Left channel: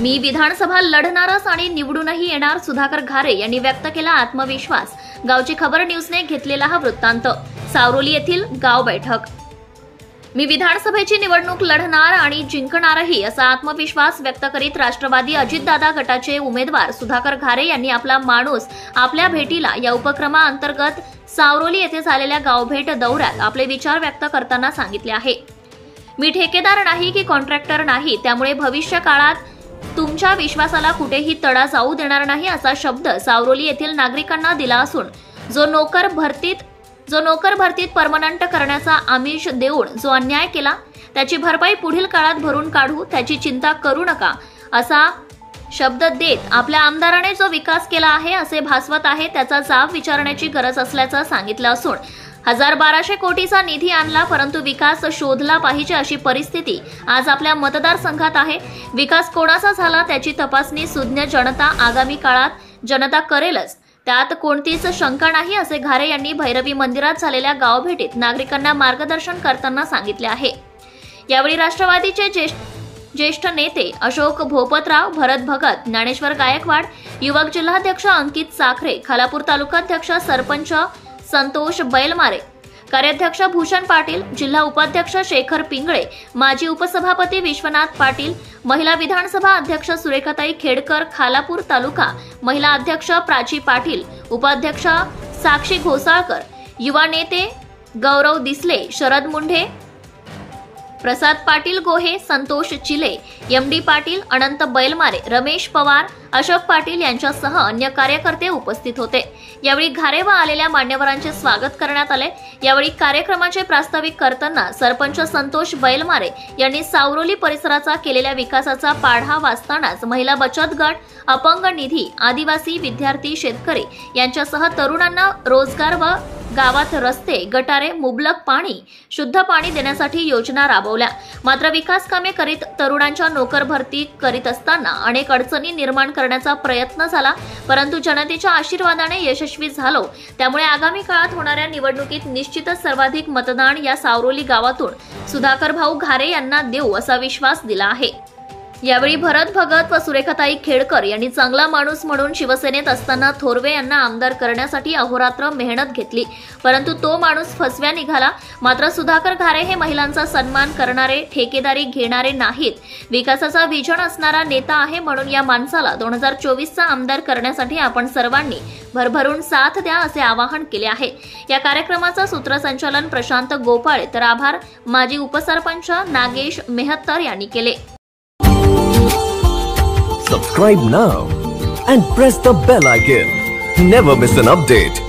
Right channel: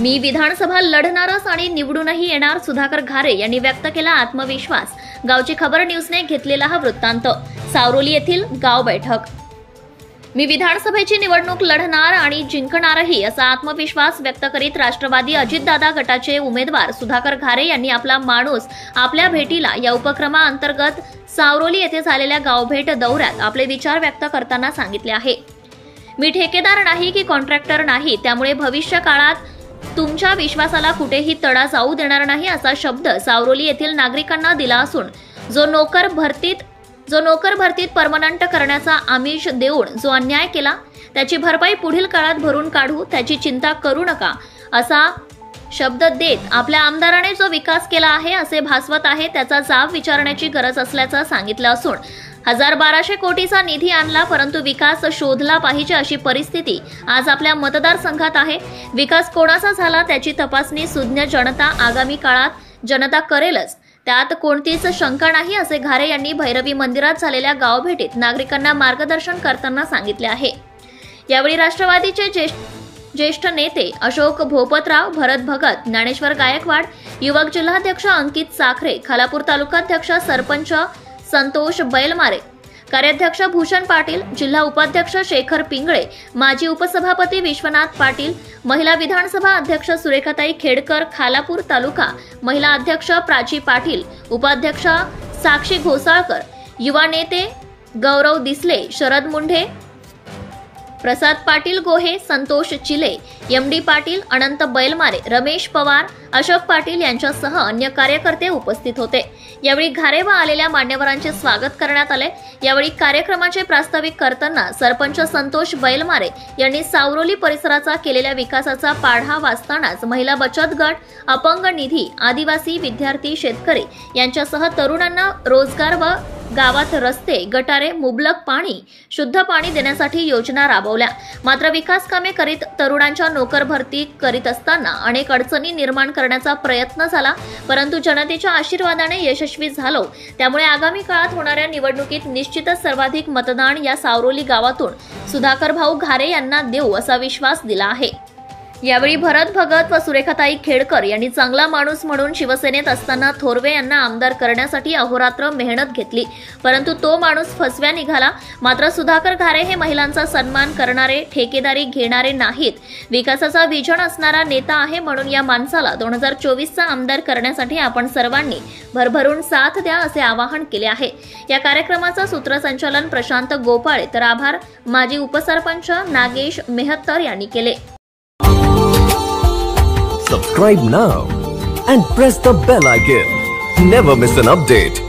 मी विधानसभा लढणारच आणि निवडूनही येणार, सुधाकर घारे यांनी व्यक्त केला आत्मविश्वास। गावची खबर न्यूजने घेतलेला हा वृत्तांत। सावरोली येथील गाव बैठक। मी विधानसभेची निवडणूक लढणार आणि जिंकणारही असा आत्मविश्वास व्यक्त करीत राष्ट्रवादी अजितदादा गटाचे उमेदवार सुधाकर घारे यांनी आपला माणूस आपल्या भेटीला या उपक्रमाअंतर्गत सावरोली येथे झालेल्या गावभेट दौऱ्यात आपले विचार व्यक्त करताना सांगितले आहे। मी ठेकेदार नाही की कॉन्ट्रॅक्टर नाही, त्यामुळे भविष्य काळात तुमच्या विश्वासाला कुठेही तडा जाऊ देणार नाही असा शब्द सावरोली येथील नागरिकांना दिला असून जो नोकर भरतीत परमनंट करण्याचा आमिष देऊन जो अन्याय केला त्याची भरपाई पुढील काळात भरून काढू, त्याची चिंता करू नका असा शब्द देत आपल्या आमदाराने जो विकास केला आहे असे भासवत आहे त्याचा जाब विचारण्याची गरज असल्याचं सांगितलं असून 1200 कोटीचा निधी आणला, परंतु विकास शोधला पाहिजे अशी परिस्थिती आज आपल्या मतदारसंघात आहे। विकास कोणाचा झाला त्याची तपासणी सुज्ञ जनता आगामी काळात जनता करेलच, त्यात कोणतीच शंका नाही असे घारे यांनी भैरवी मंदिरात झालेल्या गावभेटीत नागरिकांना मार्गदर्शन करताना सांगितले आहे। यावेळी राष्ट्रवादीचे ज्येष्ठ नेते अशोक भोपतराव, भरत भगत, ज्ञानेश्वर गायकवाड, युवक जिल्हाध्यक्ष अंकित साखरे, खालापूर तालुकाध्यक्ष सरपंच संतोष बैलमारे, कार्याध्यक्ष भूषण पाटील, जिल्हा उपाध्यक्ष शेखर पिंगळे, माजी उपसभापती विश्वनाथ पाटील, महिला विधानसभा अध्यक्ष सुरेखाताई खेडकर, खालापूर तालुका महिला अध्यक्ष प्राची पाटील, उपाध्यक्ष साक्षी घोसाळकर, युवा नेते गौरव दिसले, शरद मुंढे, प्रसाद पाटील गोहे, संतोष चिले, एमडी पाटील, अनंत बैलमारे, रमेश पवार, अशोक पाटील यांच्यासह अन्य कार्यकर्ते उपस्थित होते। यावेळी घारे व आलेल्या मान्यवरांचे स्वागत करण्यात आले। यावेळी कार्यक्रमाचे प्रास्ताविक करताना सरपंच संतोष बैलमारे यांनी सावरोली परिसराचा केलेल्या विकासाचा पाढा वाचतानाच महिला बचत गट, अपंग निधी, आदिवासी, विद्यार्थी, शेतकरी यांच्यासह तरुणांना रोजगार व गावात रस्ते, गटारे, मुबलक पाणी, शुद्ध पाणी देण्यासाठी योजना राबवल्या। मात्र विकास कामे करीत तरुणांच्या नोकर भरती करीत असताना अनेक अडचणी निर्माण करण्याचा प्रयत्न झाला, परंतु जनतेच्या आशीर्वादाने यशस्वी झालो। त्यामुळे आगामी काळात होणाऱ्या निवडणुकीत निश्चितच सर्वाधिक मतदान या सावरोली गावातून सुधाकर भाऊ घारे यांना देऊ असा विश्वास दिला आहे। यावेळी भरत भगत व सुरेखाताई खेडकर यांनी चांगला माणूस म्हणून शिवसेनेत असताना थोरवे यांना आमदार करण्यासाठी अहोरात्र मेहनत घेतली, परंतु तो माणूस फसव्या निघाला। मात्र सुधाकर घारे हे महिलांचा सन्मान करणारे, ठेकेदारी घेणारे नाहीत, विकासाचा विजन असणारा नेता आहे, म्हणून या माणसाला 2024चा आमदार करण्यासाठी आपण सर्वांनी भरभरून साथ द्या असे आवाहन केले आहे। या कार्यक्रमाचा सूत्रसंचालन प्रशांत गोपाळे तर आभार माजी उपसरपंच नागेश मेहत्तर यांनी केले। Subscribe now and press the bell icon. Never miss an update.